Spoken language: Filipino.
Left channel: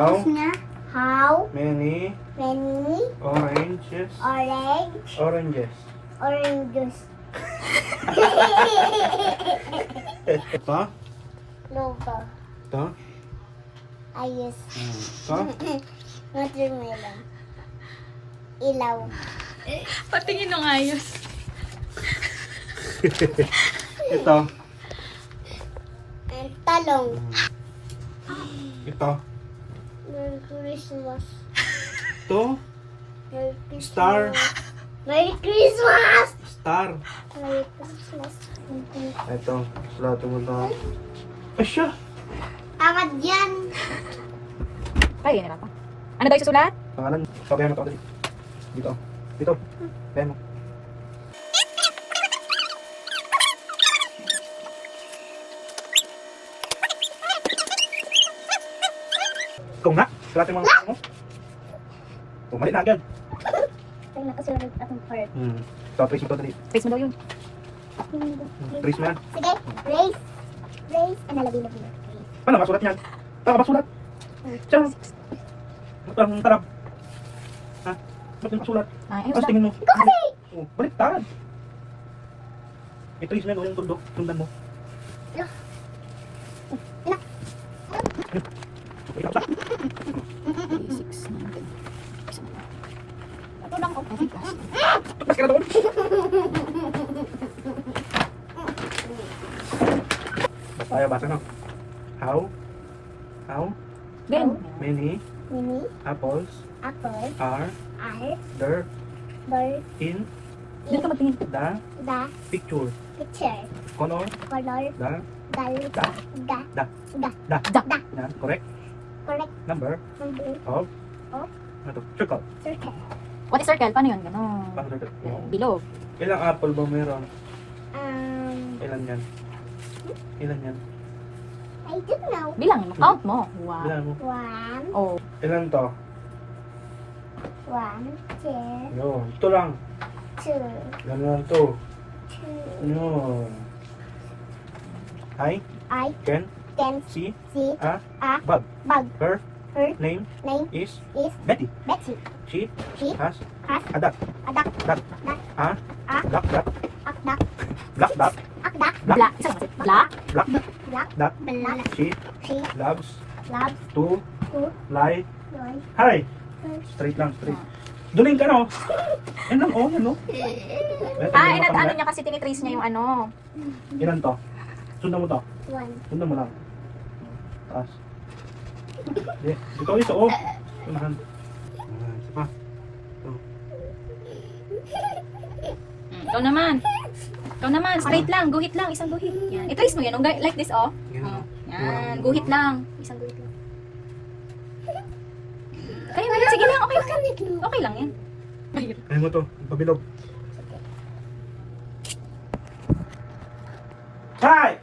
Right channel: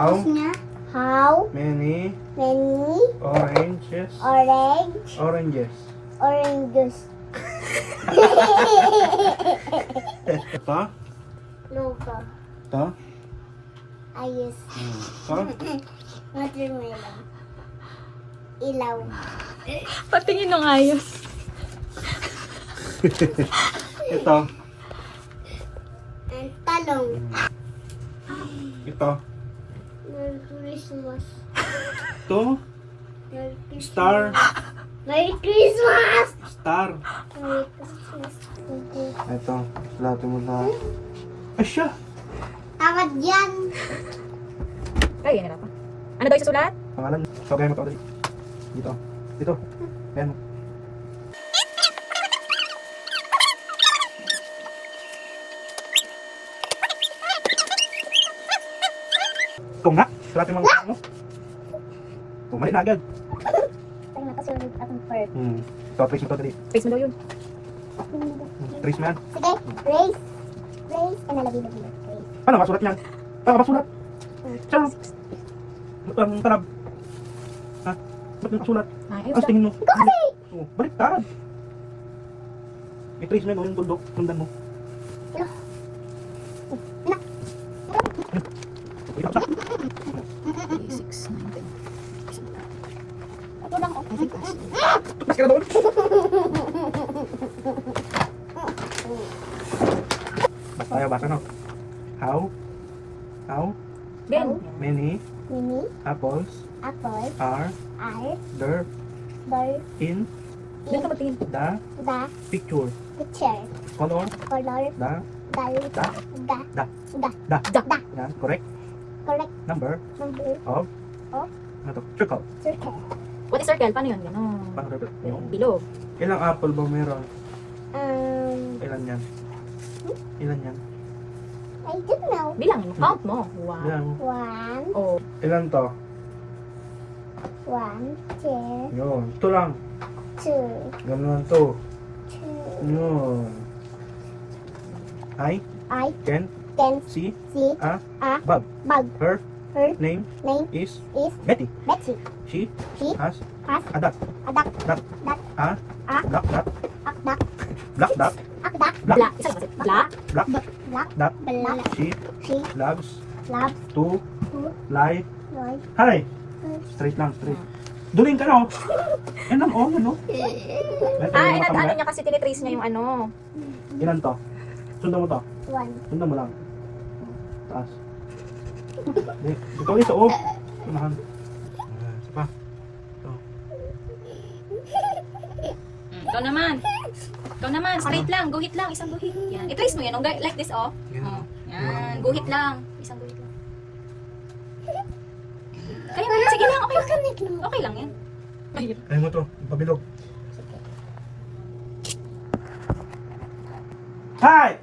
How many oranges oranges? Ito? Logo. Ito? Ayos. Ito? Watermelon. Ilaw. Patingin ng ayos. Ito? Talong. Ito? Merry Christmas. Ito? Merry Christmas. Star? Merry Christmas! Star? Merry Christmas. Ito. Sulatan mo na. Ay siya! Tamad yan. Ay, yun pa. Ano daw yung susulat? Pangalan. Sabihan mo ito. Dito. Dito. Ayan mo. Kung na, sulatin mo ang mo. Kung mali na agad. Ay, nakasulat akong card. Ito, trace mo ito dali. Face mo daw yun. Trace mo yan. Sige, race. Race. Ano, labi-labi. Race. Paano masulat yan? Paano masulat? Saan? Ang tarab. Ha? Ba't yung masulat? Ay, Tapos tingin mo. Ikaw kasi! Oh, baliktad. I-trace mo yan, yung tuldok. Tundan mo. Okay, tapos na. 6, 9, 10. Ito lang ako. Tapos ka na doon. Basta tayo, basa no? How Ben. many Mini, apples apple, are are, there ball, in Diyan ka magtingin. the the, picture? picture, Color color, the dal, da da, da da. yan, correct Correct number number of Of? ano to? Circle. circle. What is circle? Paano yun? Ganon. Paano circle? Yung Below. ilang apple ba meron? Um, Ilan yan? I don't know. Bilangin mo. Count mo. Wow. Bilang mo. One, Oh. Ilan to? one, two, Yun. Ito lang. two, Ganun lang to. two. Yun. I I can can see see a a bug. bug. Her Her name name is is Betty. Betsy. She She has has a duck. a duck. Duck. Duck. A A duck. Duck. a duck. Duck. Duck. A duck. Black. Isa lang. Black. Black. Black. Duck. Black. She She loves loves to to lie. lie. Hi. Straight lang, straight. Duling ka no? Yan lang, oh, yan no? Ah, ano niya kasi tinitrace niya yung ano. Ilan to? Sundan mo to. One. Sundan mo lang. Taas. Di, ikaw isa, oh. Sunahan. Isa pa. Ito. Ikaw naman. Ikaw naman. Straight lang. Guhit lang. Isang guhit. Yan. I-trace mo yan. Like this, oh. Yan, oh. Yan. Guhit lang. Isang guhit lang. Kaya mo yan. Sige lang. Okay lang. Okay lang yan. Kaya mo to, pabilog. Hi!